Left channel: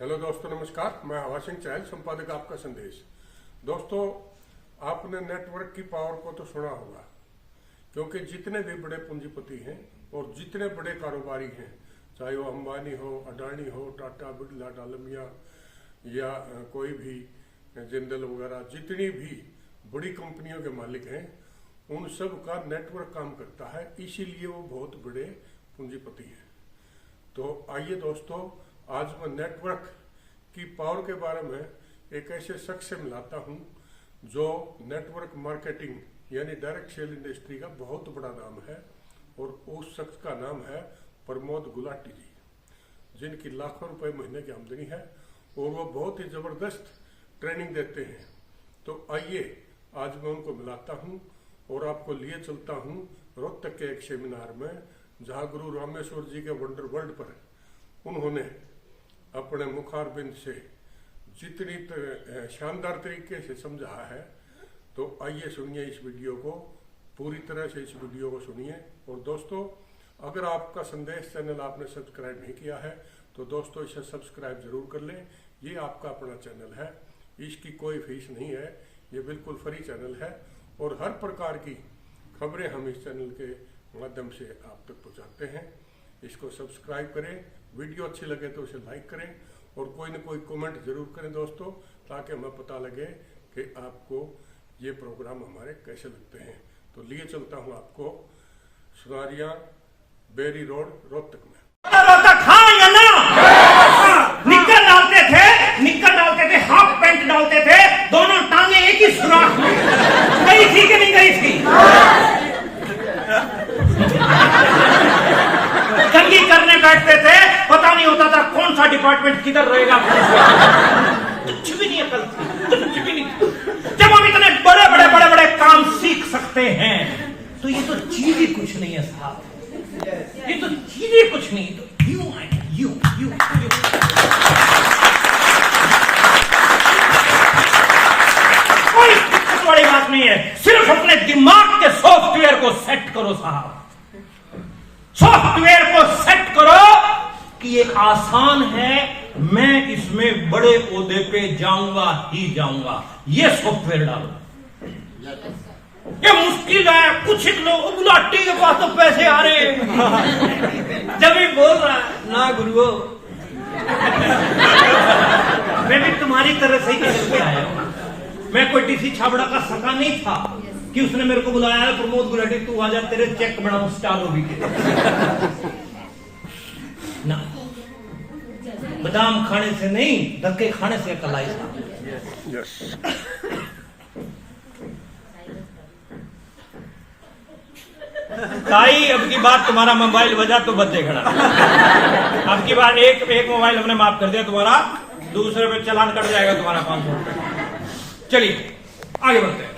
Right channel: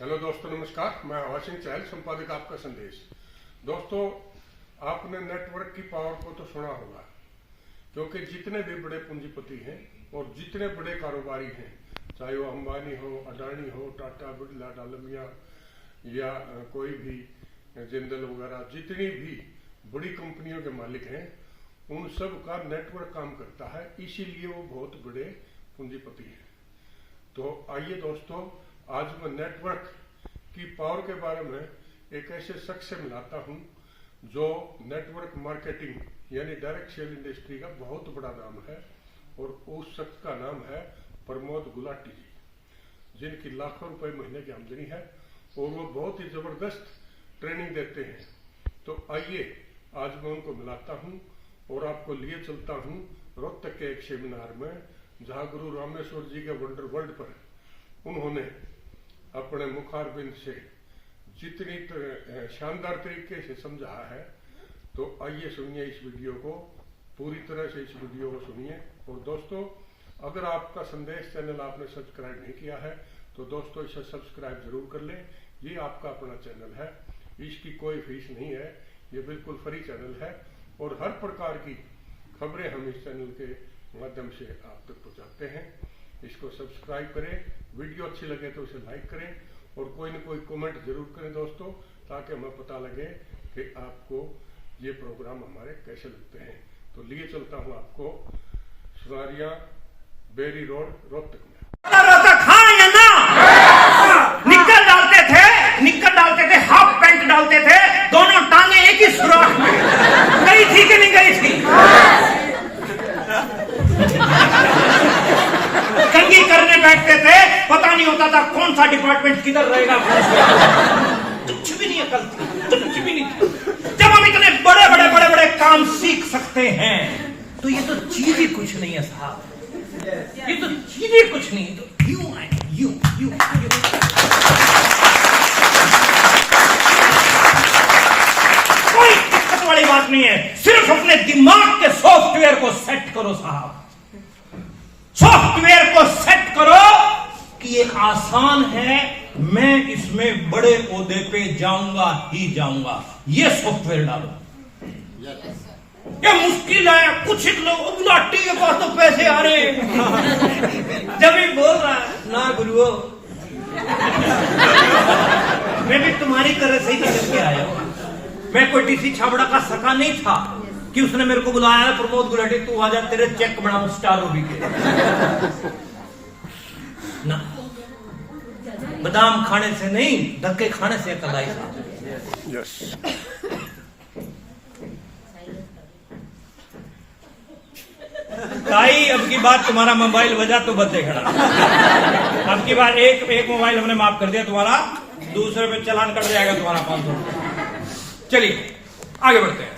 Hello दोस्तों, नमस्कार। मैं हवा सिंह चहल, संपादक आपका संदेश। दोस्तों, आपने नेटवर्क की पावर को तो सुना होगा, क्योंकि जितने भी बड़े पूंजीपति हैं और जितने बड़े कारोबारी हैं, चाहे वो अंबानी हो, अडानी हो, टाटा, बिरला, डालमिया या कोई भी जिंदल वगैरह, जितनी भी बड़ी कंपनियों के मालिक हैं, उन सब का नेटवर्क काम करता है, इसीलिए वो बहुत बड़े पूंजीपति हैं। तो आइए दोस्तों, आज मैं नेटवर्क की पावर के बारे में एक ऐसे शख्स से मिलाता हूं जो नेटवर्क मार्केटिंग यानी डायरेक्ट सेल इंडस्ट्री का बहुत बड़ा नाम है, और उस शख्स का नाम है प्रमोद गुलाटी जी, जिनकी लाखों रुपए महीने की आमदनी है और वो बहुत ही जबरदस्त ट्रेनिंग देते हैं। तो आइए आज मैं उनको मिलाता हूं और आपको लिए चलता हूं रोहतक के एक सेमिनार में, जहां गुरु रामेश्वर जी के वंडर वर्ल्ड पर उन्होंने अपने मुखारबिंद से जितनी शानदार तरीके से समझा है। तो आइए सुनिए इस वीडियो को, पूरी तरह से इस वीडियो को सुनिए। और दोस्तों, अगर आपका संदेश चैनल आपने सब्सक्राइब नहीं किया है तो दोस्तों इसे सब्सक्राइब जरूर कर लें। ये आपका अपना चैनल है, इसकी कोई फीस नहीं है, ये बिल्कुल फ्री चैनल है और हर प्रकार की खबरें हम इस चैनल के माध्यम से आप तक पहुंचाते हैं। इसको सब्सक्राइब करें, वीडियो अच्छी लगे तो इसे लाइक करें और कोई न कोई कमेंट जरूर करें दोस्तों, ताकि हमें पता लगे कि आपको ये प्रोग्राम हमारे कैसे लगते हैं। तो लिए चलता हूँ आपको सुनारिया बेरी रोड रोहतक में। हाँ या ना? निक्कर डालते थे, हाफ पैंट डालते थे, दोनों टांगे एक ही सुराख में। गई थी कि नहीं गई थी? कंघी करने बैठते थे, पता नहीं होता था कौन सा डिपार्टमेंट किधर रहेगा। कुछ भी नहीं अकल थी, कुछ भी नहीं। जब हम इतने बड़े काम सीख सकते हैं तो ये तो चीज ही कुछ नहीं है साहब, ये तो चीज ही कुछ नहीं। तो यूं आए, यूं। कोई दिक्कत वाली बात नहीं है, सिर्फ अपने दिमाग के सॉफ्टवेयर को सेट करो साहब। सॉफ्टवेयर को सेट करो कि ये आसान है, मैं इसमें बड़े ओहदे पे जाऊंगा ही जाऊंगा। ये सॉफ्टवेयर डालो। ये मुश्किल है, कुछ लोग गुलाटी के पास तो पैसे आ रहे हैं, जब भी बोल रहा है ना गुरुओ, मैं भी तुम्हारी तरह से ही निकल के आया हूं। मैं कोई टीसी छाबड़ा का सका नहीं था कि उसने मेरे को बुलाया है, प्रमोद गुलाटी तू आ जा, तेरे चेक बनाऊं स्टार रूबी के ना। बादाम खाने से नहीं, धक्के खाने से अकल आई साहब। यस। ताई, अब की बार तुम्हारा मोबाइल बजा तो बदले खड़ा। अब की बार एक मोबाइल हमने माफ कर दिया तुम्हारा, दूसरे पे चालान कट जाएगा तुम्हारा 500 रुपए। चलिए आगे बढ़ते हैं।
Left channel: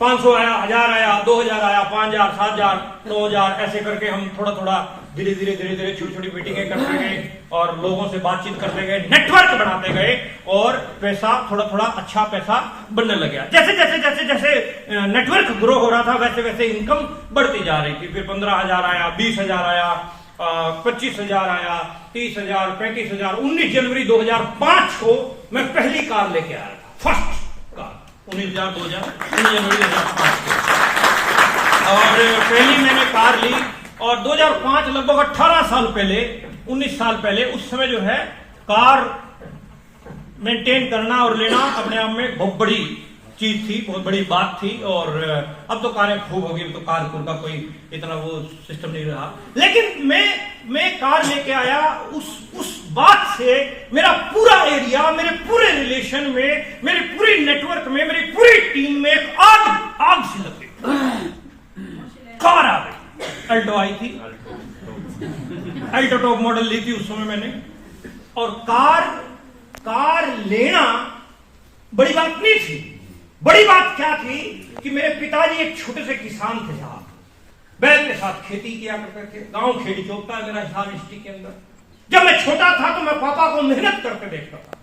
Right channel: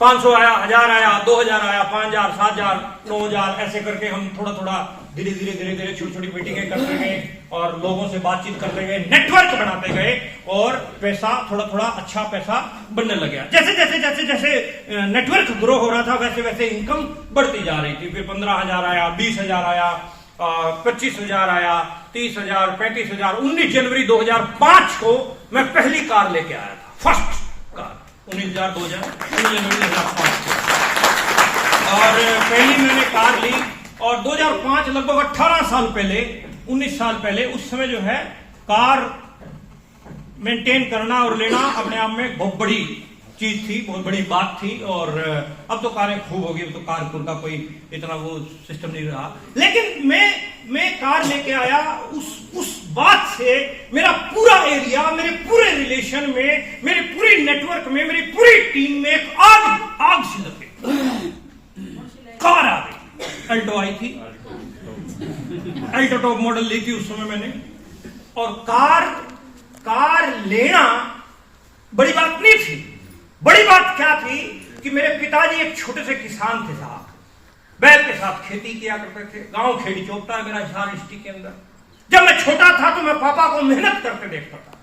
500 आया, 1000 आया, 2000 आया, 5000, 7000, 9000, ऐसे करके हम थोड़ा धीरे धीरे छोटी मीटिंगें करते गए और लोगों से बातचीत करते गए, नेटवर्क बनाते गए और पैसा थोड़ा थोड़ा पैसा बनने लग गया। जैसे नेटवर्क ग्रो हो रहा था, वैसे इनकम बढ़ती जा रही थी। फिर 15,000 आया, 20,000 आया, 25,000 आया, 30,000, 35,000। 19 जनवरी 2005 को मैं पहली कार लेके आया था, फर्स्ट कार। 19 जनवरी 2005 को, और पहली मैंने कार ली। और 2005 लगभग 18 साल पहले, 19 साल पहले, उस समय जो है कार मेंटेन करना और लेना अपने आप में बहुत बड़ी चीज थी, बहुत बड़ी बात थी। और अब तो कारें खूब हो गई, तो कार का कोई इतना वो सिस्टम नहीं रहा। लेकिन मैं कार लेके आया, उस बात से मेरा पूरा एरिया, मेरे पूरे रिलेशन में, मेरे पूरे नेटवर्क में, मेरी पूरी टीम में एक आग सी लग गई। कार आ गई, अल्टो आई थी, अल्टो टॉप मॉडल ली थी उस समय मैंने। और कार लेना बड़ी बात नहीं थी। बड़ी बात क्या थी कि मेरे पिताजी एक छोटे से किसान थे साहब, बैल के साथ खेती किया करते थे। गांव खेड़ी चौकता है मेरा हिसार डिस्ट्रिक्ट के अंदर। जब मैं छोटा था तो मैं पापा को मेहनत करते देखता था।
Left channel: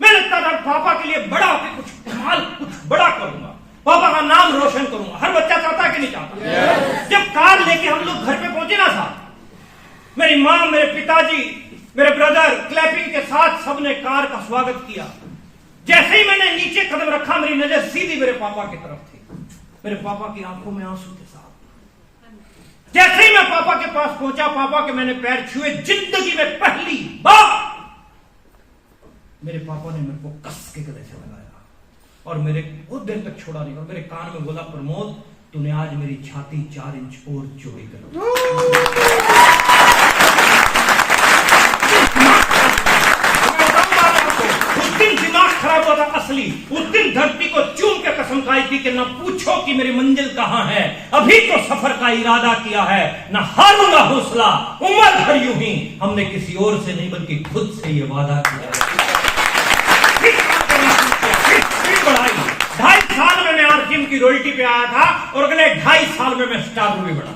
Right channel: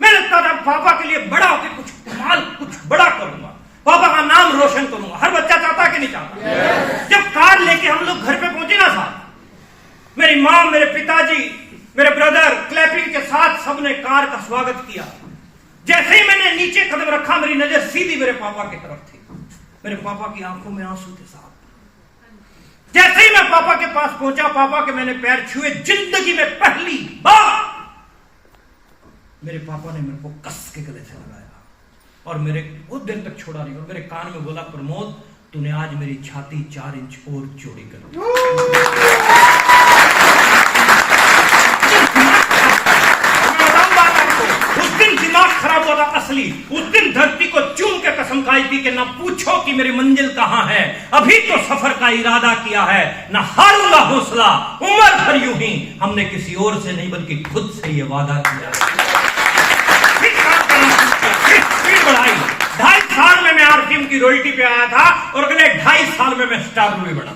मैं लगता था पापा के लिए बड़ा होकर कुछ बड़ा करूंगा, पापा का नाम रोशन करूंगा। हर बच्चा चाहता कि नहीं चाहता? जब कार लेके हम लोग घर पे पहुंचे ना साहब, मेरी माँ, मेरे पिताजी, मेरे ब्रदर क्लैपिंग के साथ सबने कार का स्वागत किया। जैसे ही मैंने नीचे कदम रखा, मेरी नजर सीधी मेरे पापा की तरफ थी। मेरे पापा की आंखों में आंसू थे साहब। जैसे ही मैं पापा के पास पहुंचा, पापा के मैंने पैर छुए, जिंदगी में पहली बार मेरे पापा ने मेरे को कस के गले से लगाया और मेरे बहुत देर तक छोड़ा नहीं, और मेरे कान में बोला, प्रमोद तूने आज मेरी छाती 4 इंच और चौड़ी कर दी। उस दिन दिमाग खराब हुआ था असली। उस दिन धरती को चूम के कसम खाई थी कि ना पूछो कि मेरी मंजिल कहां है, अभी तो सफर का इरादा किया है, ना हारूंगा हौसला, उम्र भर यूं ही। हमने किसी और से नहीं बल्कि खुद से ये वादा किया। बढ़ाई 2.5 साल में मैं आरसीएम की रॉयल्टी पे आया था और अगले 2.5 साल में मैं स्टार रूबी बना।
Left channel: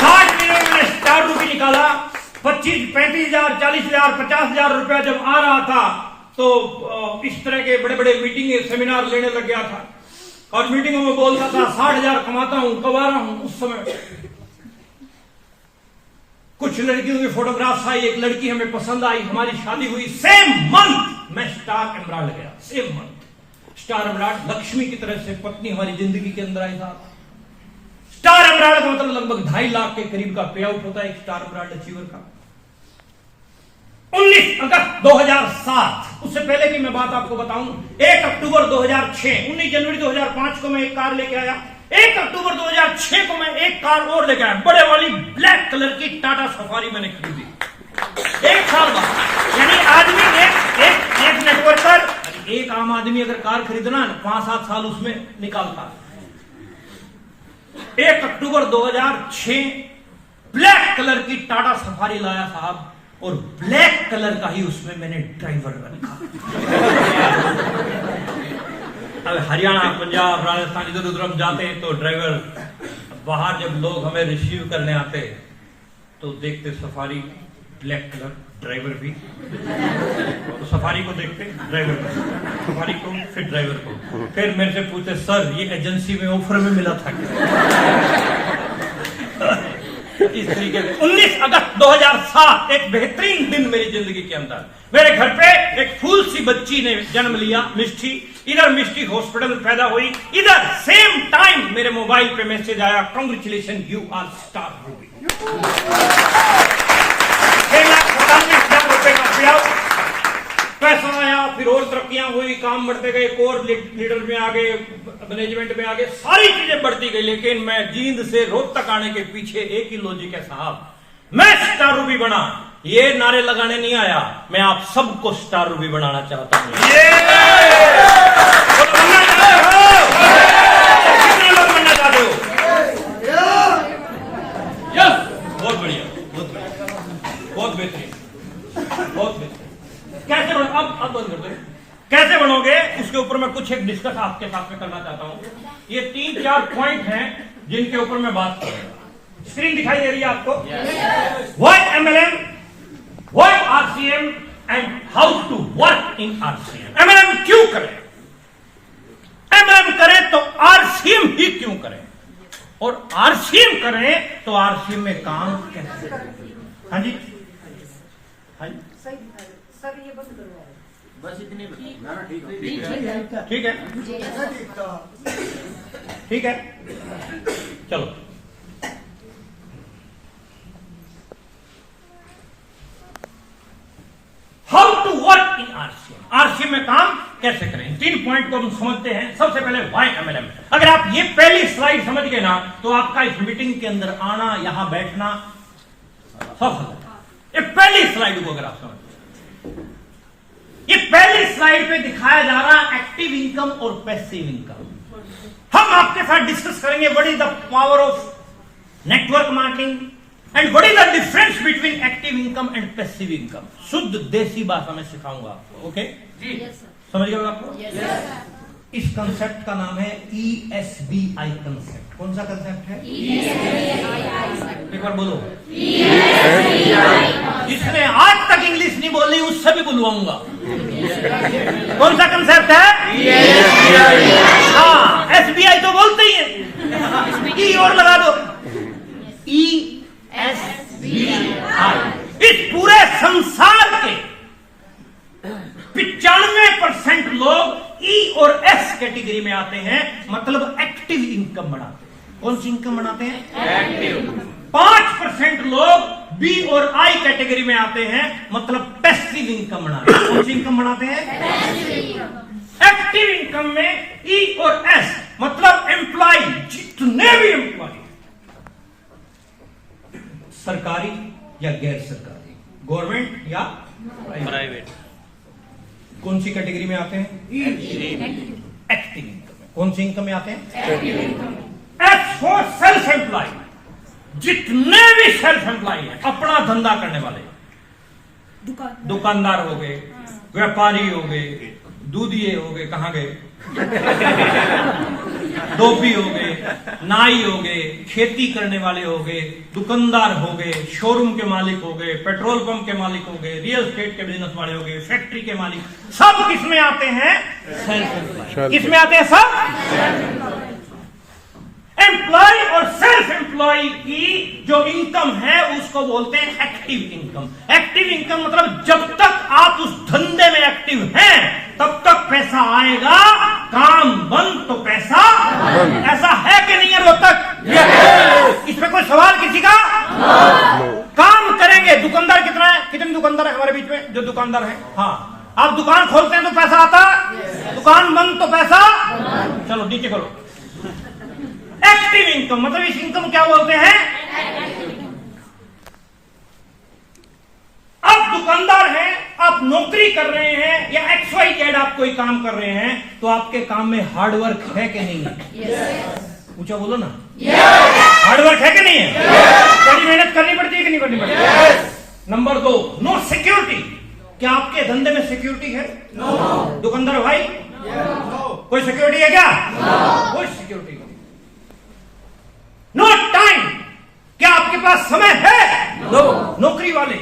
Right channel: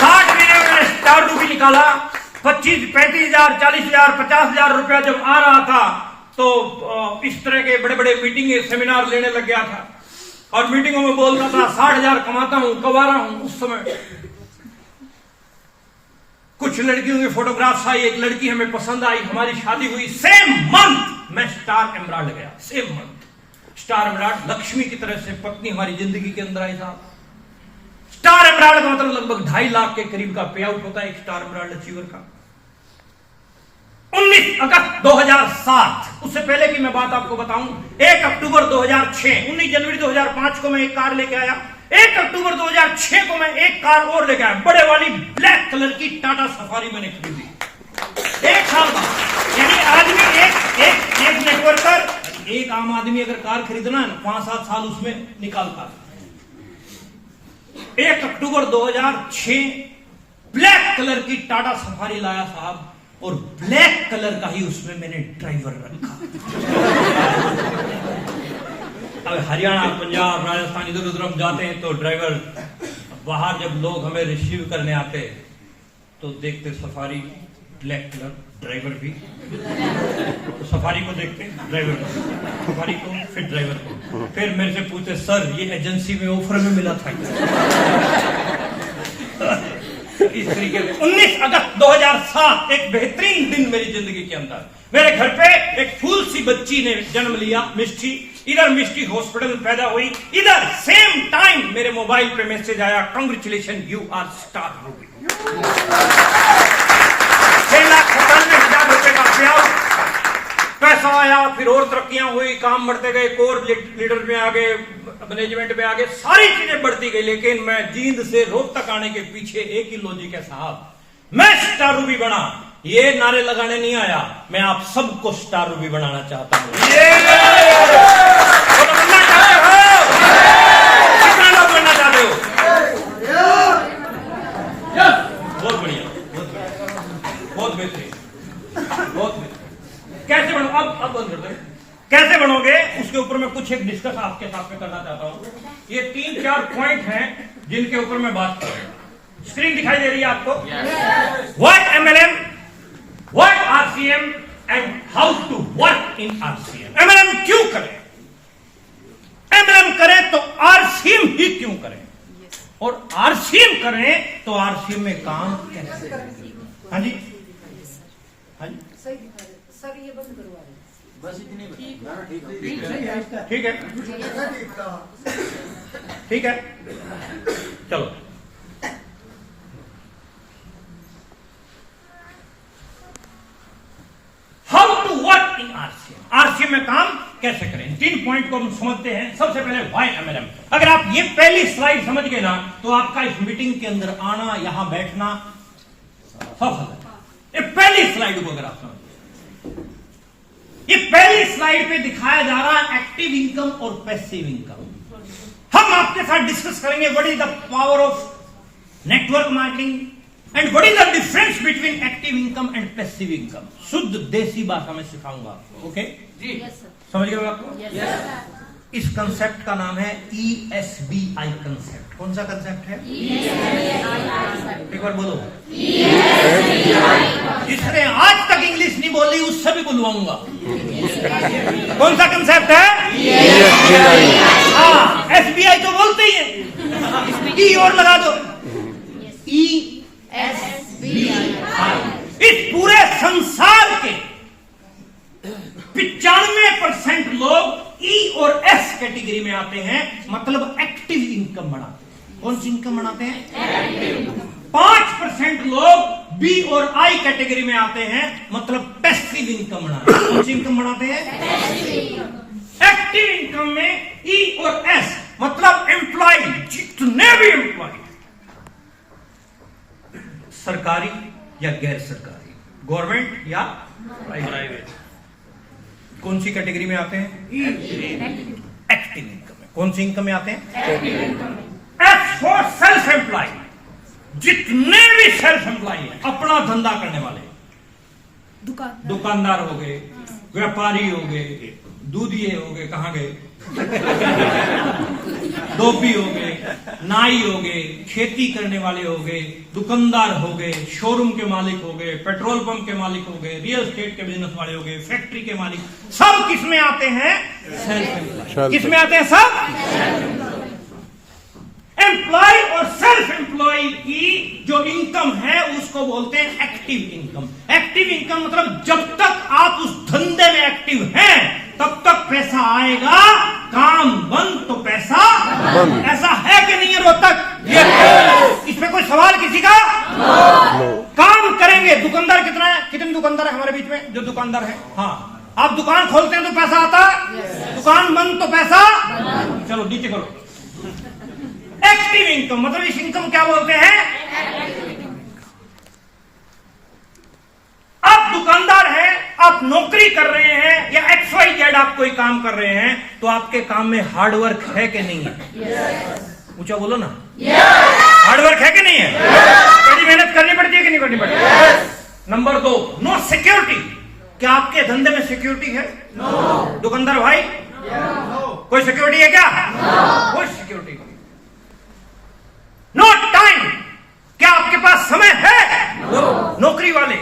60 महीने में मैंने स्टार रूबी निकाला। 25, 35,000, 40,000, 50,000 रुपया जब आ रहा था तो इस तरह के बड़े बड़े मीटिंग सेमिनार लेने लग गया था और मीटिंगों में बोलता था 60,000 कमाता हूं, कमा रहा हूं। उस समय कुछ लड़कियों की फोटोग्राफ्स आई, एक लड़की हमें पसंद आई, हमारी शादी हुई। सेम मंथ मैं स्टार एमराल्ड गया। Same month star emerald, Lakshmi की तरह से पत्नी हमारी जिंदगी के अंदर आई साहब। स्टार एमराल्ड का मतलब लगभग 2.5 लाख के करीब का पे आउट होता है एक स्टार एमराल्ड अचीवर का। 19 अगस्त 2007, उससे पहले की मैं बात आपको बताऊं, 1 अक्टूबर 2006, 19 जनवरी 2005 को मैं एक कार लेके आया। 1 अक्टूबर 2006 को मैं एक कार और लेके आया, बड़े वाली ब्लैक कलर की टाटा सफारी मैंने खरीदी 1 साल बाद। यानी आदमी एक नेटवर्कर, एक आम आदमी अगर कार खरीदना है 5-7 साल उसमें निकालता। 1 अक्टूबर 2006 ब्लैक कलर की टाटा सफारी लाया साहब, और ब्लैक कलर का ही उसमें मैंने ड्राइवर रखा। अब हरियाणा, पंजाब, राजस्थान इधर उधर हम जाते हैं तो ड्राइवर, बाहर जब लोग हमें रिसीव करने आते तो देखते सफारी ब्लैक कलर, ड्राइवर भी, तो सफारी को देखते, ड्राइवर को, सफारी को, फिर ड्राइवर को, फिर मेरे से पूछते सर ये एजेंसी में ऑफर में मिला था क्या? इस तरीके से 19 अगस्त 2007 एक बेहतरीन दिन मेरी जिंदगी के अंदर। मेरे घर पे एक फूल सी बच्ची ने जन्म लिया, मिष्टी। इधर मिष्टी हॉस्पिटल में पैदा हुई, इधर सेम टाइम मेरे मोबाइल पे मैसेज आया, congratulation you are star ruby. 6,97,000 रुपए का पेआउट, पैसा आया, फिर और तरक्कियां हुई, काम बढ़ते गए, कोर लीडर में आ गए, मैनेजमेंट में आ गए, सारी चीजें बढ़ती गई। लेकिन मैं जींद से रोहतक आने के पीछे एक ही लॉजिक है साहब, मैं स्टार रूबी बना। ये नारे लगाने नहीं आया, मैं आप सबको स्टार रूबी बनाना चाहता हूं। तो बनना चाहते हो? कितने लोग बनना चाहते हो? बहुत बढ़िया, बहुत बेहतरीन, बहुत बेहतरीन। कैसे बनो? अब बंद कर दे। कैसे बनोगे उसके ऊपर मैं कुछ एक डिस्कस आपके साथ में करना चाहता हूं। ये 3-4 पॉइंट हैं जिनके ऊपर मैं बात करूंगा। स्क्रीन दिखाई दे रही है आपको? What MLM, what RCM and how to work in RCM। MLM क्यों करें, MLM करें तो RCM ही क्यों करें, और RCM करें तो RCM में काम कैसे करें। हाँ जी, हाँ जी, सर ये बंद करवा बस इतनी ठीक है, ठीक है, चलो। How to work in RCM में काम कैसे करें, 3 पॉइंट को हम समझते हैं। सबसे पहले व्हाई MLM। अगर आप ये पहली स्लाइड समझ गए ना तो आपका इस मीटिंग के अंदर आना, यहां बैठना सब। ये पहली स्लाइड को अगर आप समझ, ये पहली स्लाइड पे दिखाया जा रहा एक्टिव इनकम और पैसिव इनकम। हम आपके साथ डिस्कस करेंगे what is the power of network marketing and what is the difference between active income and passive income. शुद्ध देसी भाषा में सिखाऊंगा आपको। ओके जी, समझ गए आपको? इस कंसेप्ट का नाम है ESBI कंसेप्ट। कौन सा कंसेप्ट है? एक बार बोलो। जिसने आज तक इंग्लिश नहीं बोली उससे भी बुलवाऊंगा। कौन सा कंसेप्ट है? हाँ, SBI तो बोलते ही है, ई और लगा दो, ESBI। इस पूरे संसार के 95% लोग ई और एस कैटेगरी में आते हैं, मतलब एक्टिव इनकम बनाते हैं। कौन सी इनकम बनाते हैं? एक्टिव। 5% लोग बी और आई कैटेगरी में आते हैं, मतलब पैसिव इनकम बनाते हैं। कौन सी इनकम बनाते हैं? एक्टिव इनकम में ई और एस, मतलब एम्प्लॉय, जितने भी एम्प्लॉय, सरकारी या गैर सरकारी, गवर्नमेंट या प्राइवेट, कौन सी कैटेगरी में आते हैं? एक्टिव इनकम में। कौन सी इनकम में आते हैं? एस फॉर सेल्फ एम्प्लॉय, जितने भी सेल्फ एम्प्लॉय हैं, अपना धंधा करने वाले, दुकानदार हो गए, व्यापारी हो गए, दूधिये हो गए, कहां गए, धोबी हो गए, नाई हो गए, खेती करने वाले हो गए, दुकानदार हो गए, शोरूम के मालिक हो गए, पेट्रोल पंप के मालिक हो गए, रियल एस्टेट के बिजनेस वाले हो गए, फैक्ट्री के मालिक, सब किस में आते हैं? Self employ. किस में आते हैं सब? एम्प्लॉय और सेल्फ एम्प्लॉय की जो इनकम है उसको बोलते हैं एक्टिव इनकम। एक्टिव इनकम मतलब जब तक आप उस धंधे में एक्टिव हैं तब तक पैसा आएगा, काम बंद तो पैसा बंद। ऐसा है कि नहीं है रोहतक? इसमें कोई सवाल किसी का? काम करेंगे। दुकानदार कितना है? कितने दुकानदार है हमारे बीच में जो दुकानदार है? हाँ, आप दुकान खोलते हैं तो पैसा आता, दुकान बंद तो पैसा। चलो नीचे खोलो। एक्टिव इनकम मतलब इस इनकम क्या बोलते हैं? आप दुकानदार हैं, आप नौकरी कर रहे हैं या XYZ आप कोई काम कर रहे हैं, तो आपके काम में हार्डवर्क है कि नहीं है? ऊंचा बोलो ना। हार्डवर्क है कि नहीं है? कड़ी मेहनत करनी पड़ती है कि नहीं करनी पड़ती? Number 2, no security. क्या आपके धंधे में सिक्योरिटी है? दुकानदार भाई, कोई सिक्योरिटी है क्या? कोई सिक्योरिटी नहीं। No time. क्या आपके पास समय है? नौकरी वाले,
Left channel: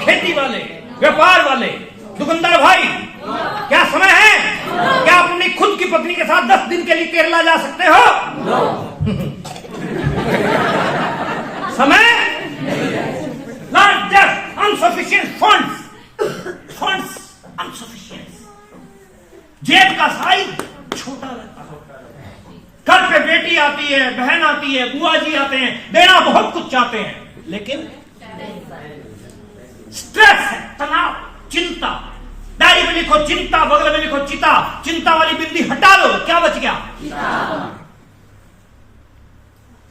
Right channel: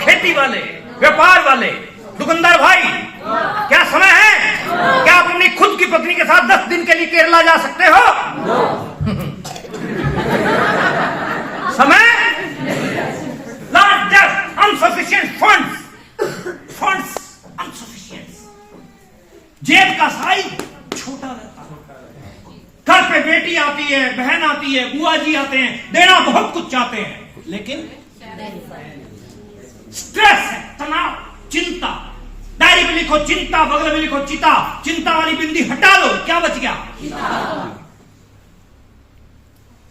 खेती वाले, व्यापार वाले, दुकानदार भाई, क्या समय है? क्या आप अपनी खुद की पत्नी के साथ 10 दिन के लिए केरला जा सकते हो? समय? Large insufficient funds insufficient. जेब का साइज छोटा रहता है। घर पे बेटी आती है, बहन आती है, बुआ जी आते हैं, देना बहुत कुछ चाहते हैं, लेकिन स्ट्रेस है, तनाव, चिंता। डायरी में लिखो चिंता, बगल में लिखो चिता। चिंता वाली बिंदी हटा दो, क्या बच गया?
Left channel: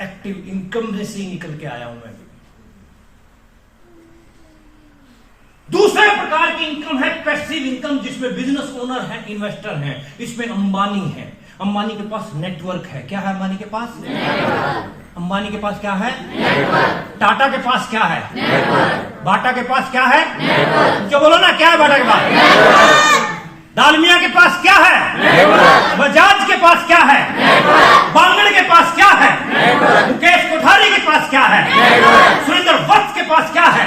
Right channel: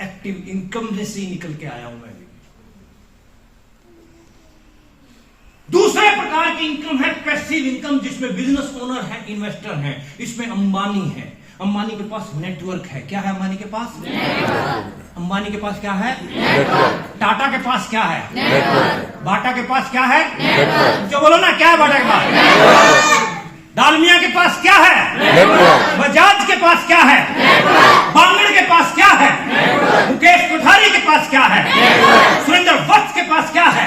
एक्टिव इनकम में से निकल के आया हूं मैं। दूसरे प्रकार की इनकम है पैसिव इनकम, जिसमें बिजनेस ओनर है, इन्वेस्टर है। इसमें अंबानी है। अंबानी के पास नेटवर्क है। क्या है अंबानी के पास? अंबानी के पास क्या है? टाटा के पास क्या है? बाटा के पास क्या है? जो बोलो ना, क्या है बाटा के पास? डालमिया के पास क्या है? बजाज के पास क्या है? बांगड़ के पास क्या है? मुकेश कोठारी के पास क्या है? सुरेंद्र वत्स के पास क्या है?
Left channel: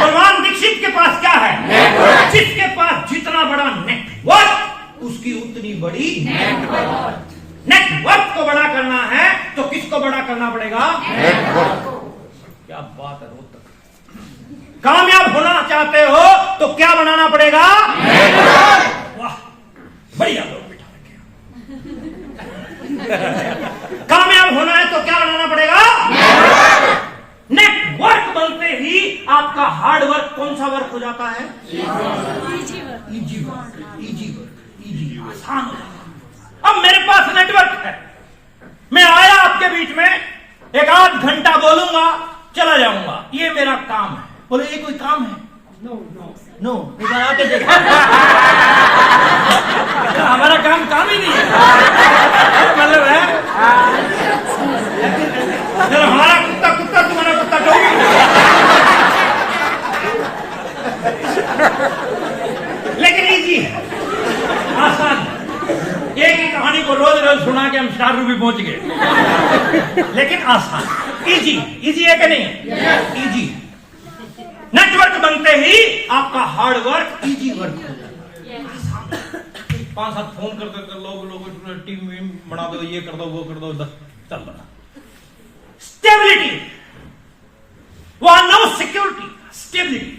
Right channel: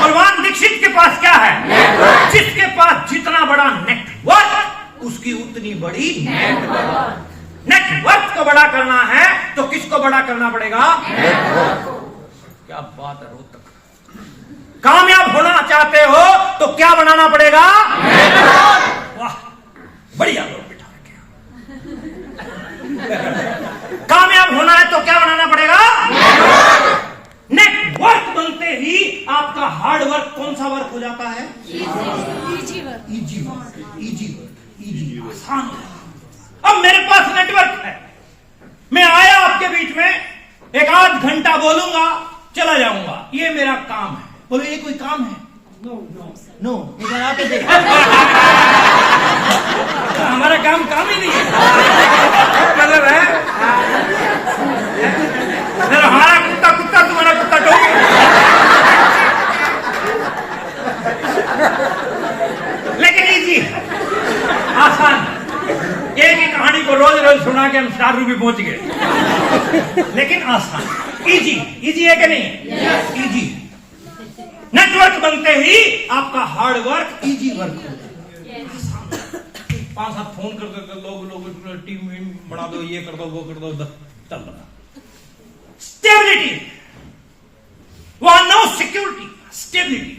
बलवान दीक्षित के पास क्या है? जिसके पास जितना बड़ा नेटवर्क, उसकी उतनी बड़ी नेटवर्क। नेटवर्क को बड़ा करना है तो किसको बड़ा करना पड़ेगा? नेटवर्क। क्या बात है रोहतक। कामयाब होना चाहते हो तो क्या बनाना पड़ेगा? नेटवर्क। वाह, बढ़िया लोग बिठा रखे। कामयाब होना है तो क्या बनाना पड़ेगा? नेटवर्क बनते ही आपका हार्ड वर्क कौन सा वर्क हो जाता है? इजी वर्क, आसान। अब मेरे पास नेटवर्क है, मैं आया आपके बीच में, एक आध घंटा बोलूंगा, चला जाऊंगा, ये मेरा काम है। बोलो ये कोई काम है? नो, एक बार आके देखो। हमारा काम ही नहीं है, मतलब है हमारा कुत्ता तुम्हारा कुत्ता टोपी। लेकिन इजी है, आसान। एक ही कहानी को रोज रोज सुना के हम 4 रूपये पहुंच गए, लेकिन आसान। इजी है कि नहीं है? इजी। नेटवर्क बनते ही आपका हार्ड वर्क इजी वर्क हो जाता है। 5-7 फोन कर लोग टीम बना दो, ये कर दो, वो कर दो, चल बना। स्टेबिलिटी, वहां नो सिक्योरिटी, स्टेबिलिटी।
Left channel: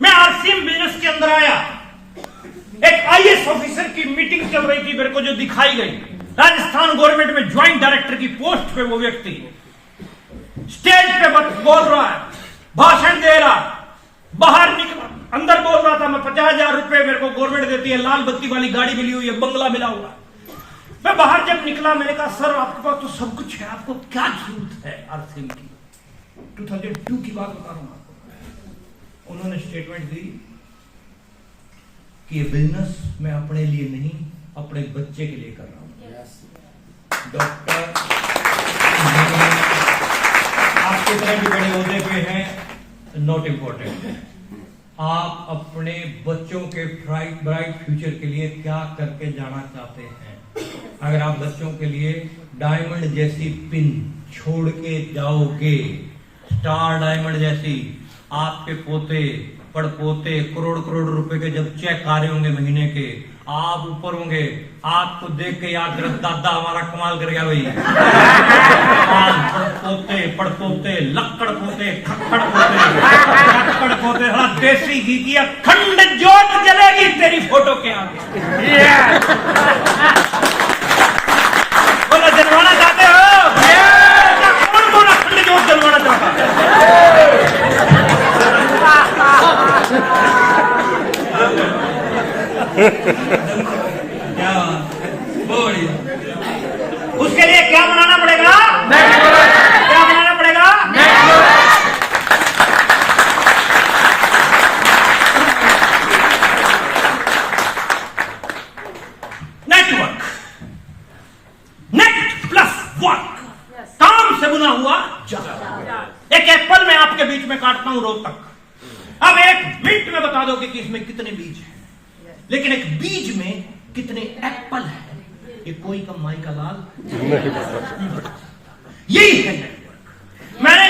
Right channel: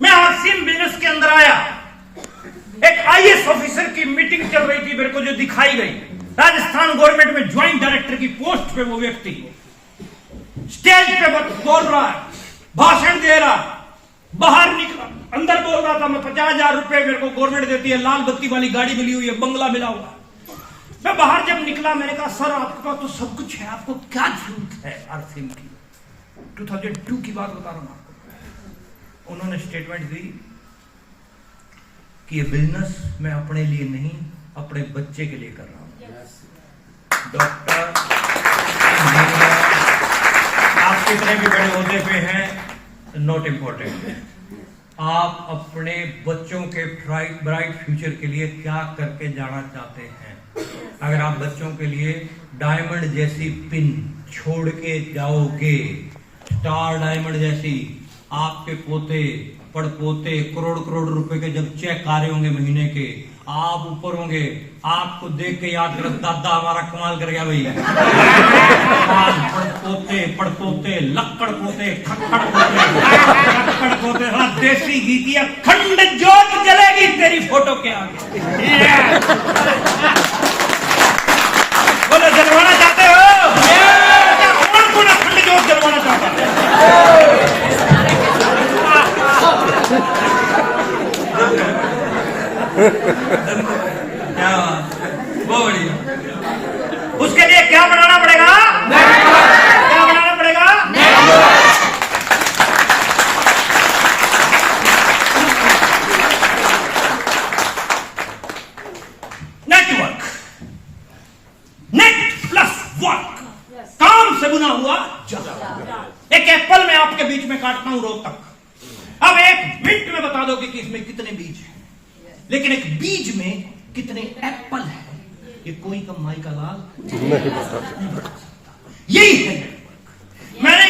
मैं आरसीएम बिजनेस के अंदर आया, एक आईएएस ऑफिसर की मीटिंग चल रही थी मेरे को जो दिखाई गई, राजस्थान गवर्नमेंट में ज्वाइंट डायरेक्टर की पोस्ट पे वो व्यक्ति स्टेज पे बोल रहा है, भाषण दे रहा, बाहर निकला, अंदर बोल रहा था मैं 50,000 रुपए मेरे को गवर्नमेंट देती है, लाल बत्ती वाली गाड़ी मिली हुई है, बंगला मिला हुआ है। मैं बाहर जब निकला मैंने कहा सर आपके पास तो सब कुछ है, आपको क्या जरूरत है आरसीएम की? 2002 की बात बता रहा हूं आपको। उन्होंने स्टेटमेंट दी कि ये बिजनेस मैं अपने लिए नहीं अपने बच्चे के लिए कर रहा हूं। डॉक्टर, इंजीनियर, आप कितने भी बड़े ओहदे पे हैं नॉट इम्पोर्टेंट, आप अपने बच्चों के ब्राइट फ्यूचर के लिए क्या करके जाना चाहते हैं। अगर आप बच्चों के लिए डायमंड जैसी पिन छोड़ के जाओगे, स्टार डायमंड जैसी, आपके पोते पड़पोते करोड़ करोड़ रुपए के जब चेक आ रहे होंगे महीने के, आप ऊपर होंगे, आपको देख के याद कर दादा हमारा कमाल कर गया भाई। पड़पोते पड़पोते लक्कड़ पोते खक्कड़ पोते देसी घी की अखंड जोत जलेगी तेरी फोटो के आगे। बोलो जलवाना चाहते हो? कौन कौन अखंड जोत जलवाना चाहता है? क्या बोलिए, उसके लिए क्या बनाना पड़ेगा? क्या बनाना पड़ेगा? नेटवर्क, नेट प्लस वर्क, काम से बुना हुआ जाल। एक एप्पल मैं आपके बीच में काटता हूं रोज तक, अब एक मिनट में बता दो कि इसमें कितने बीज हैं, लेकिन एक बीज में कितने एप्पल है ये कोई कमाई का लाल नहीं बता सकता। यही है नेटवर्क। मैंने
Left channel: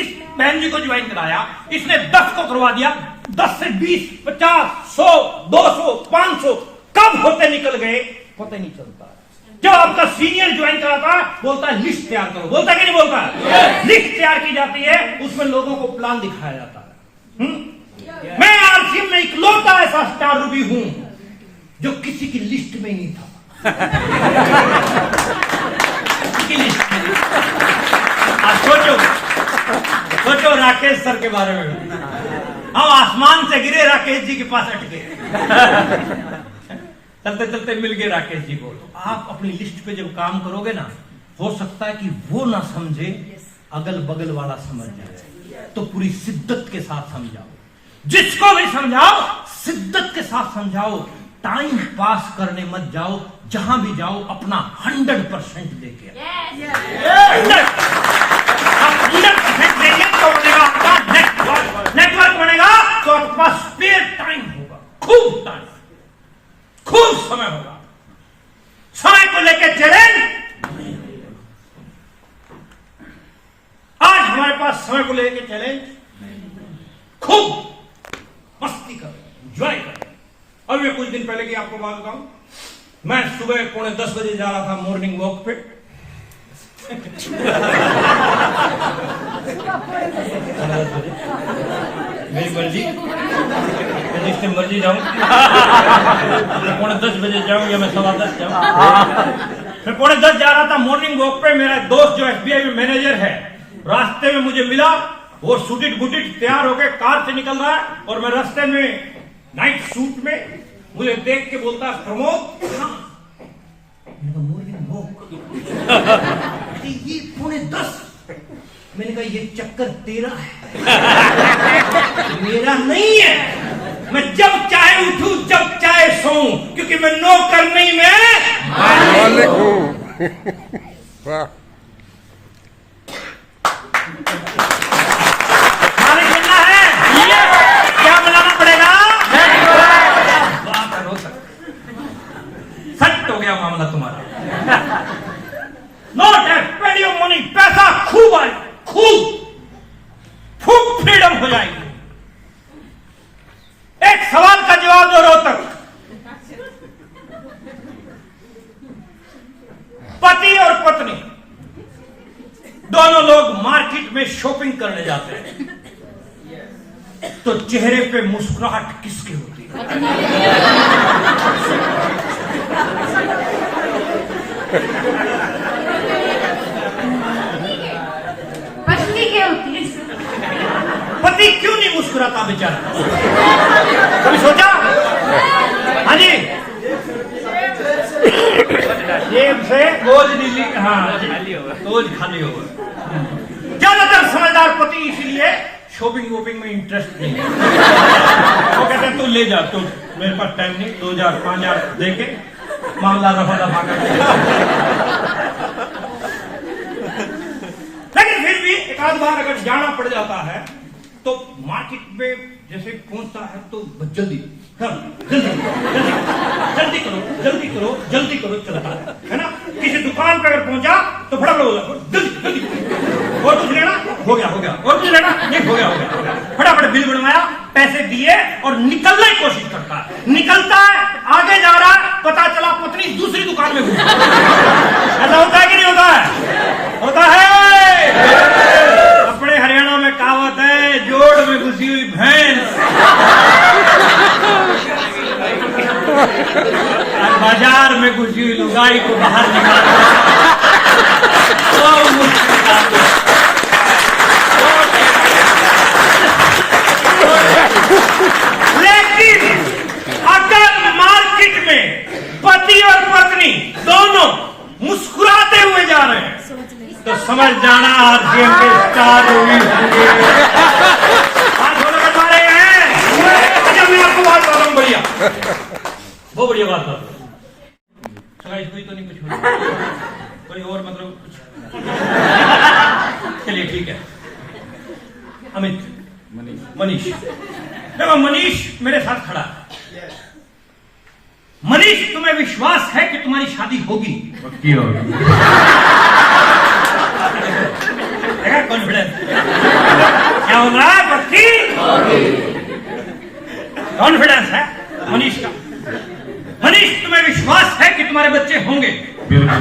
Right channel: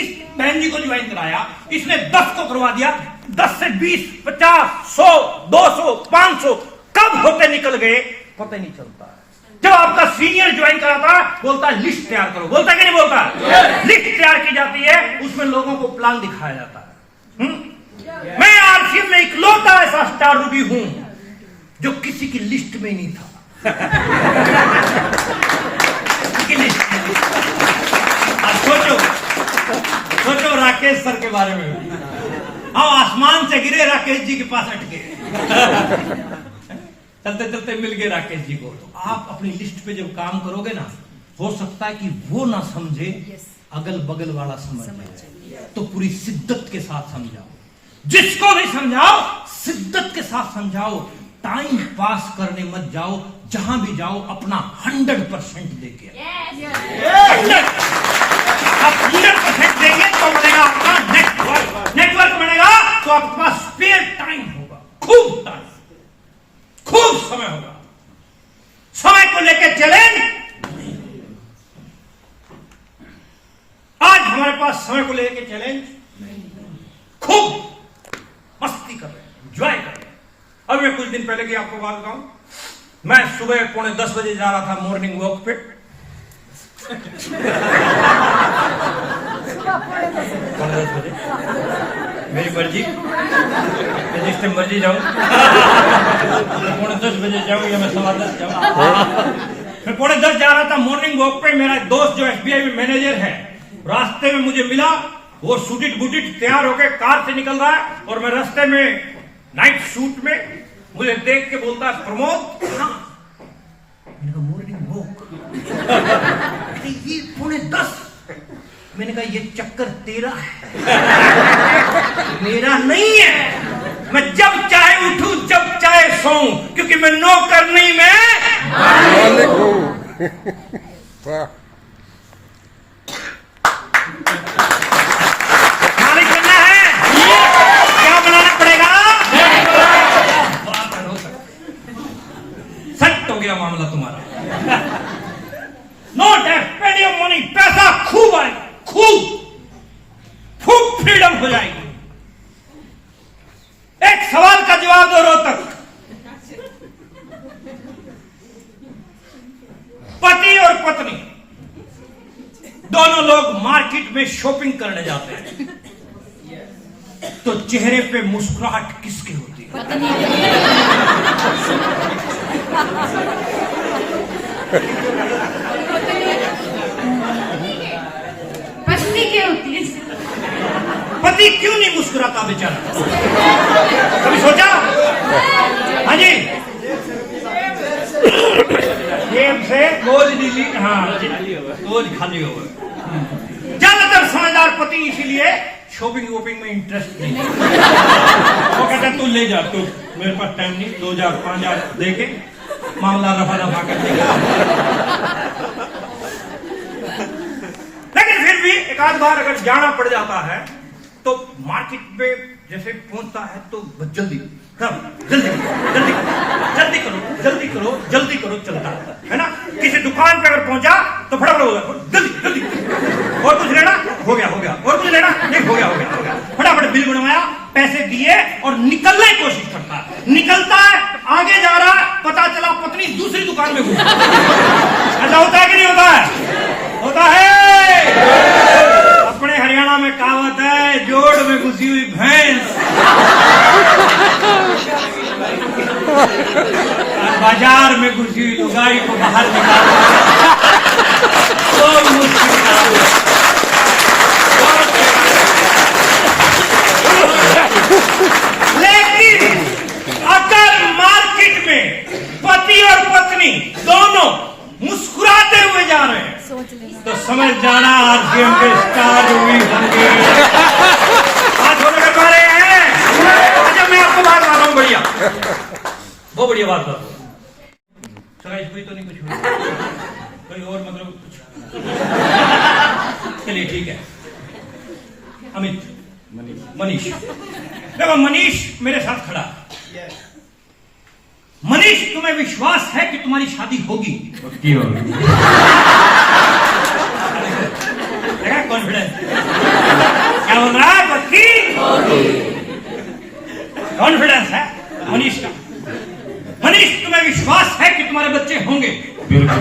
इस बहन जी को ज्वाइन कराया, इसने 10 को करवा दिया, 10 से 20, 50, 100, 200, 500 कब होते निकल गए पता नहीं चलता। जब आपका सीनियर ज्वाइन कराता बोलता है लिस्ट तैयार करो, बोलता है कि नहीं बोलता? लिस्ट तैयार की जाती है, उसमें लोगों को प्लान दिखाया जाता है। मैं आरसीएम में इकलौता ऐसा स्टार रूबी हूं जो किसी की लिस्ट में नहीं था। किसी की लिस्ट में। सोचो राकेश सर के बारे में, हम आसमान से गिरे राकेश जी के पास अटके, चलते चलते मिल गए राकेश जी को। तो आप अपनी लिस्ट पे जब काम करोगे ना, हो सकता है कि वो ना समझे, अगल बगल वाला समझ जाए, तो पूरी शिद्दत के साथ समझाओ, जिसको भी समझाओ शिद्दत के साथ समझाओ, टाइम पास करने मत जाओ, जहां भी जाओ अपना 100% देके। आप 100% देंगे तो बनेगा आपका नेटवर्क। नेटवर्क बनेगा तो आपके पास स्पेयर टाइम होगा, खूब टाइम, खूब समय होगा। समय को लेकर चैलेंज, आज हमारे पास समय को लेकर चैलेंज, खूब मस्ती कर रहे हैं, एंजॉय कर रहे हैं। अभी मैं कुछ दिन पहले की आपको बात बताऊं, मैं सुबह 9:45 बजे जा रहा था मॉर्निंग वॉक पे। 9:45 बजे मेरी मर्जी, जिस टाइम मर्जी जाऊं, 9:45 बजे जाऊं या मैं 10:15 जाऊं। मैं 9:45 जा रहा था मॉर्निंग वॉक पे। मेरा दोस्त जो एसबीआई में मैनेजर है, रास्ते में मुझे मिला, वो सूटिट बूटिट तैयार होकर कार से निकल रहा है, और मैं रास्ते में नाइट सूट में, मुझे देख के बोलता है प्रमोद, मैंने कहा मॉर्निंग वॉक, ये 9:45। मैंने कहा ये चक्कर तेरा है, मेरा नहीं है। मैं जब चाहे उठूं, जब चाहे सोऊं, क्योंकि मैं नौकर नहीं, मैं मालिक हूं। मालिक बनना है, क्या बनाना पड़ेगा? सेट हो गया मामला तुम्हारा। Not a pedi of money, पैसा खूब आएगा, खूब फ्रीडम हो जाएगी। एक सवाल का जवाब दो रोहतक, पति और पत्नी दोनों लोग मार्केट में शॉपिंग करने जाते हैं। तो चेहरे पे मुस्कुराहट किसके होती है? पत्नी की होती है। पति क्यों नहीं मुस्कुराता बेचारा? कभी सोचा? हाँ जी, जेब से बोझ नीली, हाँ बोझ खाली हो। ज्यादातर समझदार पति इसीलिए शॉपिंग वोपिंग में इंटरेस्ट नहीं है। वो कहते हैं तू ले जा, तू मेरे पास टाइम नहीं, 2000 5000 दे के मामला रफा दफा कर देगा। लेकिन फिर भी एक आध बार अगर जाना पड़ जाता है तो मार्केट में जैसे पहुंचता है तो जल्दी जल्दी जल्दी जल्दी करो जल्दी करो जल्दी करो चलता है ना। किसी दुकान पे अगर पहुंचा तो फटाफट होगा जल्दी जल्दी, और कुछ लेना हो गया हो गया, और कुछ लेना नहीं हो गया हो गया हो गया, फटाफट बिल बनवाया, पैसे दिए और निकलने की कोशिश करता है। निकलता है, आगे जा रहा है, पता चला पत्नी दूसरी दुकान में घुस। ऐसा होता है कि नहीं होता है? होता है। अपने हरियाणा में कहावत है, जोड़ में घुसी हुई भैंस बाजार में घुसी हुई लुगाई को बाहर निकालना तो मुश्किल काम है। लेकिन अगर मार्केट में पति और पत्नी दोनों मुस्कुराते हुए जा रहे हैं तो समझ जाना आरसीएम के स्टार मूवी होंगे। आज वो लोग कर रहे हैं। अच्छा, मैं आपको बात बताता हूँ, बढ़िया बहुत बढ़िया बात बताता हूँ। कोई तो नहीं, कुछ कोई और मतलब कुछ? चलिए ठीक है। अमित, मनीष, देखो मनीष मेरे साथ खड़ा है। मनीष, तुम्हें विश्वास है कि तुम्हारी शादी होगी? पक्की होगी। कॉन्फिडेंस क्या बोल रहा है? पक्की कॉन्फिडेंस है मनीष का। मनीष, तुम्हें विश्वास है कि तुम्हारे बच्चे होंगे? बिल्कुल।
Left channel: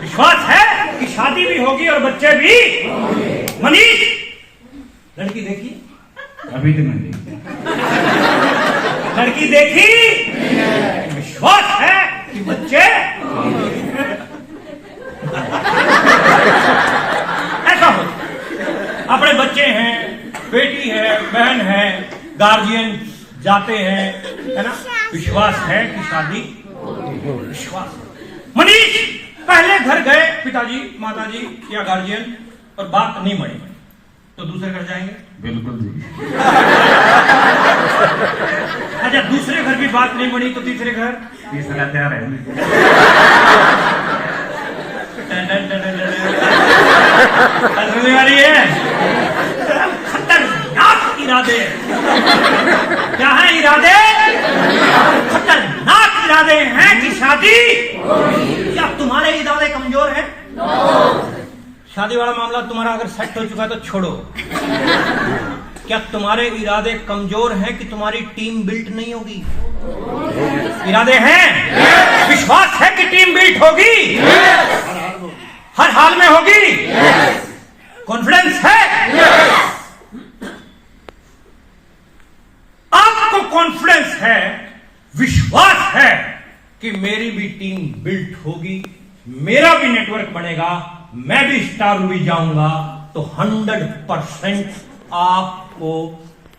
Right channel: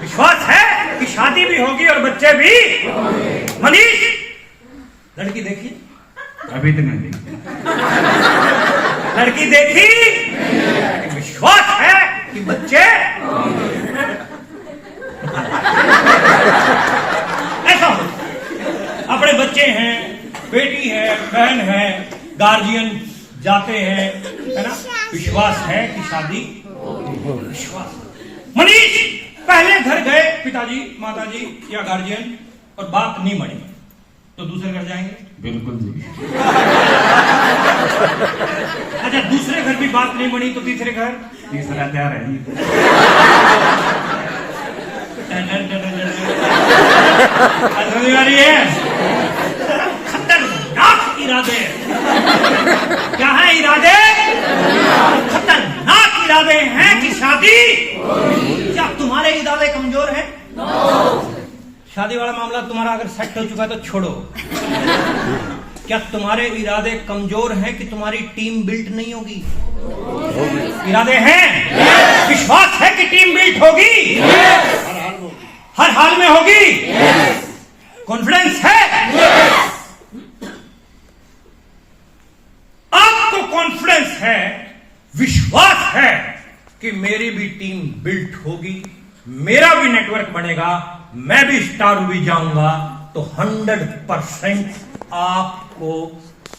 विश्वास है कि शादी भी होगी और बच्चे भी? मनीष, लड़की देखी? अभी तक नहीं देखी। लड़की देखी, विश्वास है कि बच्चे? ऐसा हो, अपने बच्चे हैं, बेटी है, बहन है, गार्जियन जाते हैं, है ना, विश्वास है कि शादी? विश्वास। मनीष, पहले घर गए पिताजी माताजी या गार्जियन और बात नहीं बनी तो दूसरे घर जाएंगे? बिल्कुल जी। अच्छा, दूसरे घर की बात नहीं बनी तो तीसरे घर? तीसरा तैयार है। समझ आ रही है? खतरनाक इरादे। क्या है इरादे? खतरनाक इरादे हैं कि शादी? क्या तुम्हारे इरादे कमजोर हैं? शादी वाला मामला तुम्हारा अगर सेट हो चुका तो छोड़ो। क्या तुम्हारे इरादे कमजोर हैं कि तुम्हारी टीम बिल्ट नहीं होगी? इरादे हैं, विश्वास है कि टीम बिल्ट होगी, हर हाल में होगी, कॉन्फिडेंस है। आपको कॉन्फिडेंस है, विश्वास है कि मेरी भी टीम बिल्ट होगी, मेरा भी नेटवर्क बनेगा, मैं भी स्टार भी जाऊंगा, तो 100% आपको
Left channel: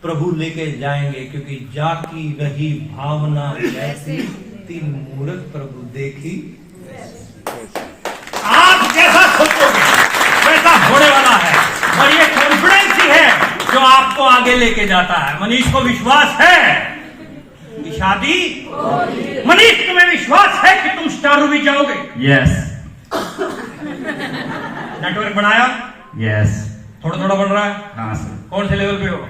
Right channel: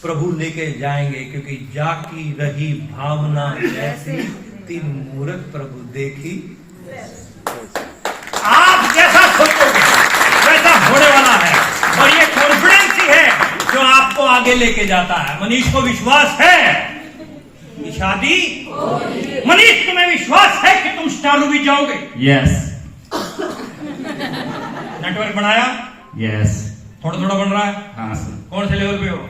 प्रभु लेके जाएंगे, क्योंकि जाकी रही भावना जैसी, तीन मूर्ख प्रभु देखी। आप जैसा सोचोगे वैसा होने वाला है, और ये कॉन्फिडेंस ही है जो आपको आगे लेके जाता है। मनीष को विश्वास है कि शादी? मनीष, तुम्हें विश्वास है कि तुम स्टार भी जाओगे? यस। नेटवर्क बनाया? यस। थोड़ा थोड़ा बढ़ रहा है? हाँ सर। कौन से लेवल पे हो?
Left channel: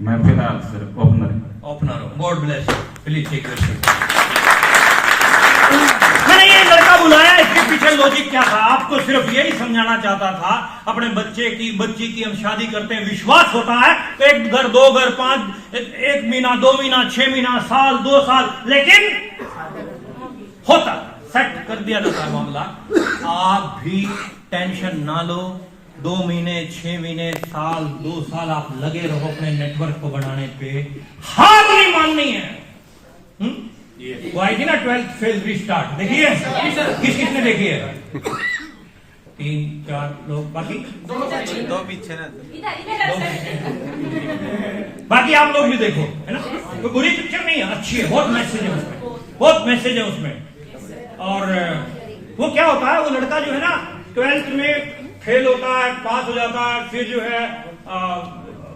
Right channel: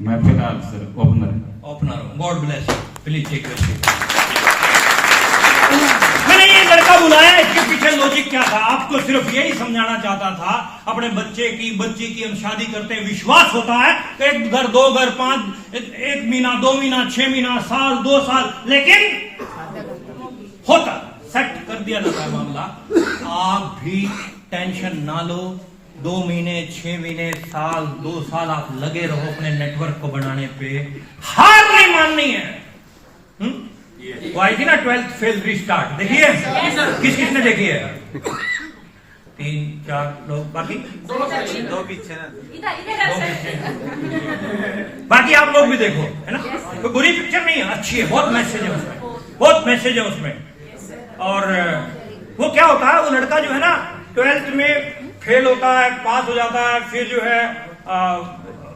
मैं फिलहाल सर ओपनर। ओपनर हो। God bless you. Please take your seat. मैंने ये लड़का बुलाया, इसके पीछे लॉजिक क्या था? आपको सिर्फ यही समझाना चाहता था, अपने बच्चे की बच्ची की हम शादी करते हैं, विश्वास होता है तो 1 घर 2 घर 5 1 महीना 2 महीना 6 महीना साल 2 साल, लेकिन होता, सेट कर दिया जाता है मामला। आप भी टेंशन ना लो, 2 महीने, 6 महीने, साल, 2 साल आप लगे रहो अपने नेटवर्क को बनाने पे, हार नहीं माननी है। वो आई थी ना 12th फेल रीस्टार्ट, देखिए किस किसने देखी है? 3-4 लोग, बाकी इधर बाकी आप लोग भी देखो, है ना? तो बुरी पिक्चर नहीं है, अच्छी है, बहुत मैसेज है उसमें, बहुत मैसेज है उसमें। और वो क्या होता है, वो लड़का जो है ना 12th में फेल होता है, पास हो जाता है, फिर जो है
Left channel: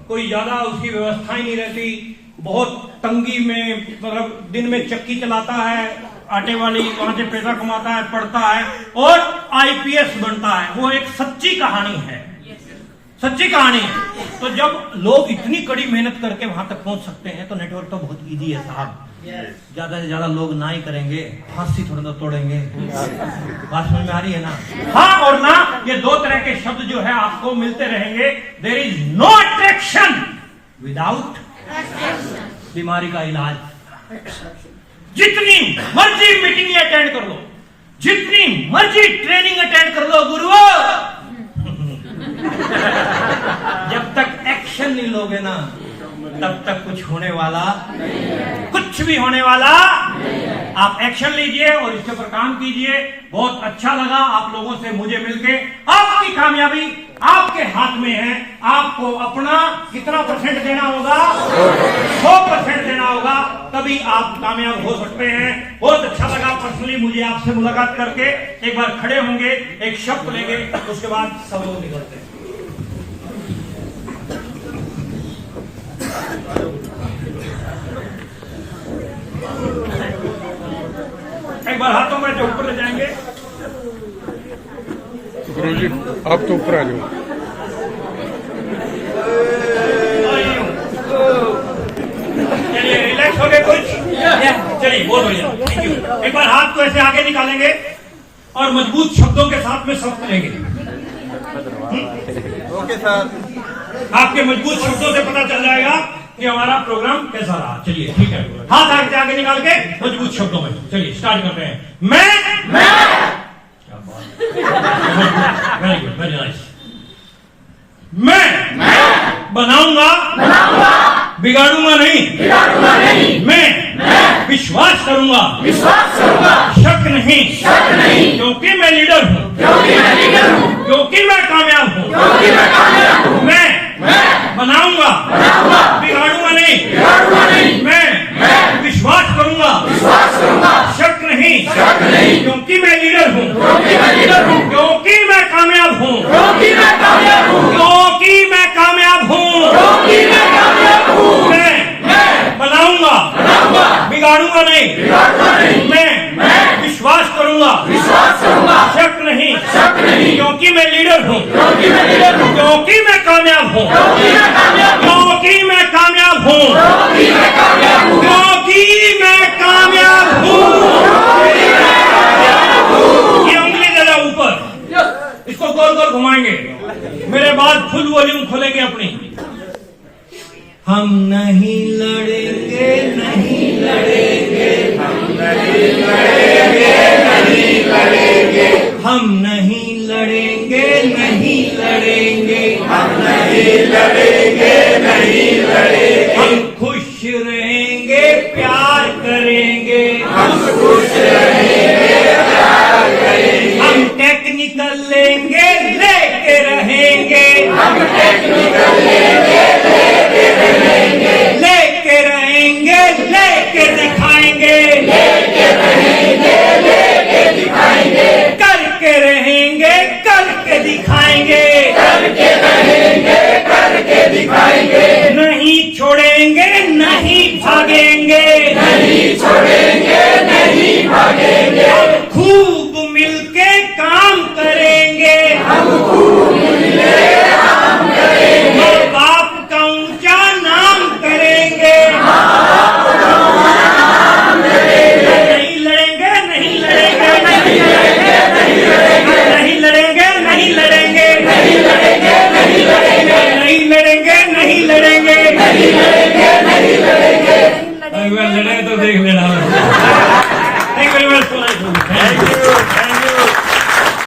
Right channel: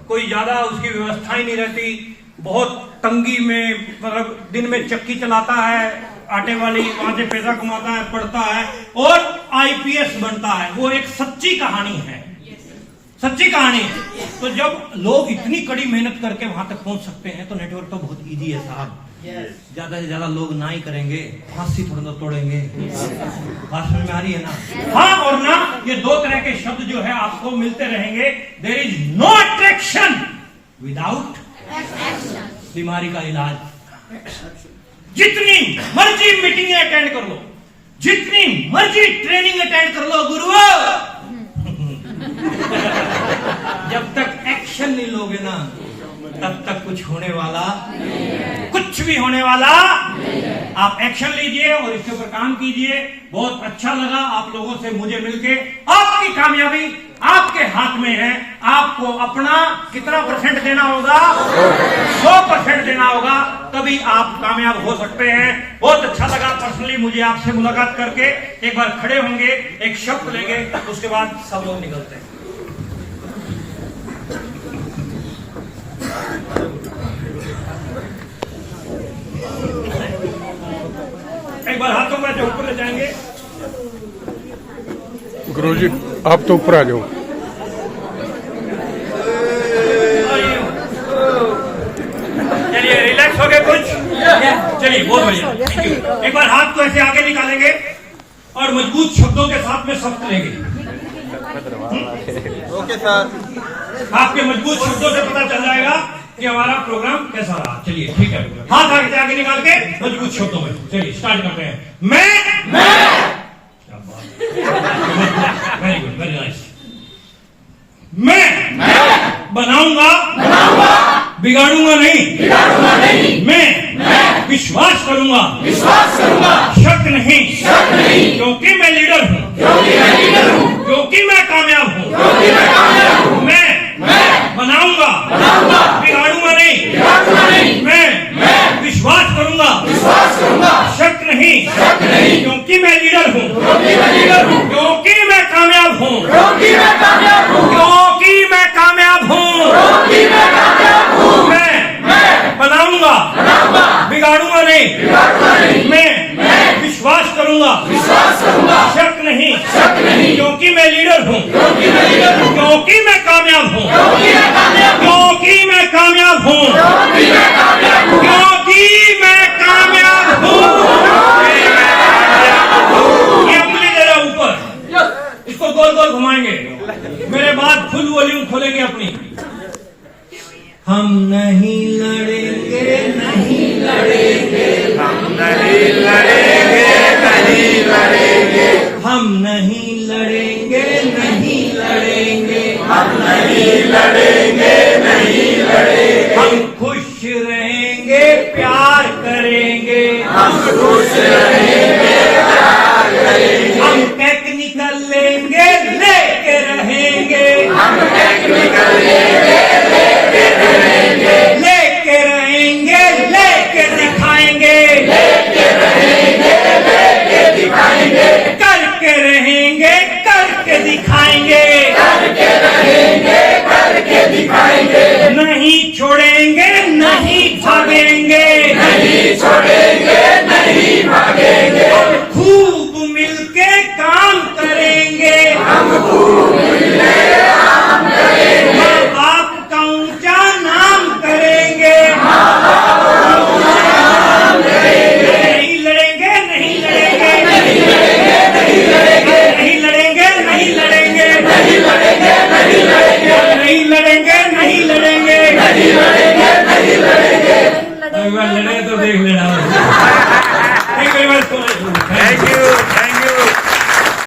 कोई ज्यादा उसकी व्यवस्था ही नहीं रहती, बहुत तंगी में, मतलब दिन में चक्की चलाता है आटे वाली, वहां से पैसा कमाता है, पढ़ता है और आईपीएस बनता है। वो एक सच्ची कहानी है, सच्ची कहानी है। तो जब लोग इतनी कड़ी मेहनत करके वहां तक पहुंच सकते हैं तो नेटवर्क तो बहुत इजी है साहब। ज्यादा से ज्यादा लोग ना ही करेंगे, फांसी थोड़ा तो तोड़ेंगे। बात समझ में आ रही है ना? हाँ और ना, ये 2 तरह के शब्द जो है आपको मिलते रहेंगे। There is no attraction without बीमारी का इलाज। जितनी मर्जी मीटिंग अटेंड कर लो, जितनी मर्जी ट्रेनिंग अटेंड कर लो गुरुओं, जब तक एक्शन नहीं लोगे ना तब तक कुछ होने वाला, कुछ भी होने वाला। आप एक्शन लीजिए और इसके ऊपर काम कीजिए। बहुत अच्छा लगा आप लोगों से मुझे मिलके। आपकी कामयाबी आपके हाथ में है। आपको अपना कितना % देना होगा? 100% देना होगा, तभी आप कामयाब हो सकते हैं। बहुत अच्छा लगा पर्सनली मुझे आपसे मुलाकात करके। एक बार खड़े होंगे, एक शब्द लेंगे, उसके बाद सब लोग निकलते हैं। एक बार हाथों में जो ऊपर ले जाएंगे। गुरुजी आप तो ऊपर आ जाओ। चलिए रिलैक्स हो गए कुछ? चलिए बहुत बढ़िया। एक बार हाथ को ऐसे आगे निकालेंगे और मजबूत शब्दों के साथ में शब्द लेंगे। Okay sir. आपके मजबूत शब्दों से पता चल जाएगा कि हमारा प्रोग्राम कैसा रहा। चलिए ठीक है, हाथ आगे निकाल के मजबूत शब्दों में चलिए स्टार्ट करते हैं। मैं वेरी गुड, वेरी नाइस। मैं बनाऊंगा, बिगाड़ूंगा नहीं। मैं विश्वास करूंगा, शक नहीं, क्योंकि मैं लीडर हूँ, क्योंकि मैं कामयाब हूँ। मैं बनाऊंगा, बिगाड़ूंगा नहीं। मैं विश्वास करूंगा, शक नहीं, क्योंकि मैं लीडर हूँ, क्योंकि मैं कामयाब हूँ, क्योंकि मैं कामयाब हूँ। मैं बनाऊंगा, बिगाड़ूंगा नहीं। मैं विश्वास करूंगा, शक नहीं, क्योंकि मैं लीडर हूँ, क्योंकि मैं कामयाब हूँ, क्योंकि मैं कामयाब हूँ, क्योंकि मैं कामयाब हूँ। ये उंगली जरा ऊपर, इसको गोल गोल घुमाएंगे। मेरे बाद फुल वॉल्यूम खोलेंगे अपनी। हम नहीं लड़ेंगे, नहीं लड़ेंगे, हम नहीं लड़ेंगे, नहीं लड़ेंगे, हम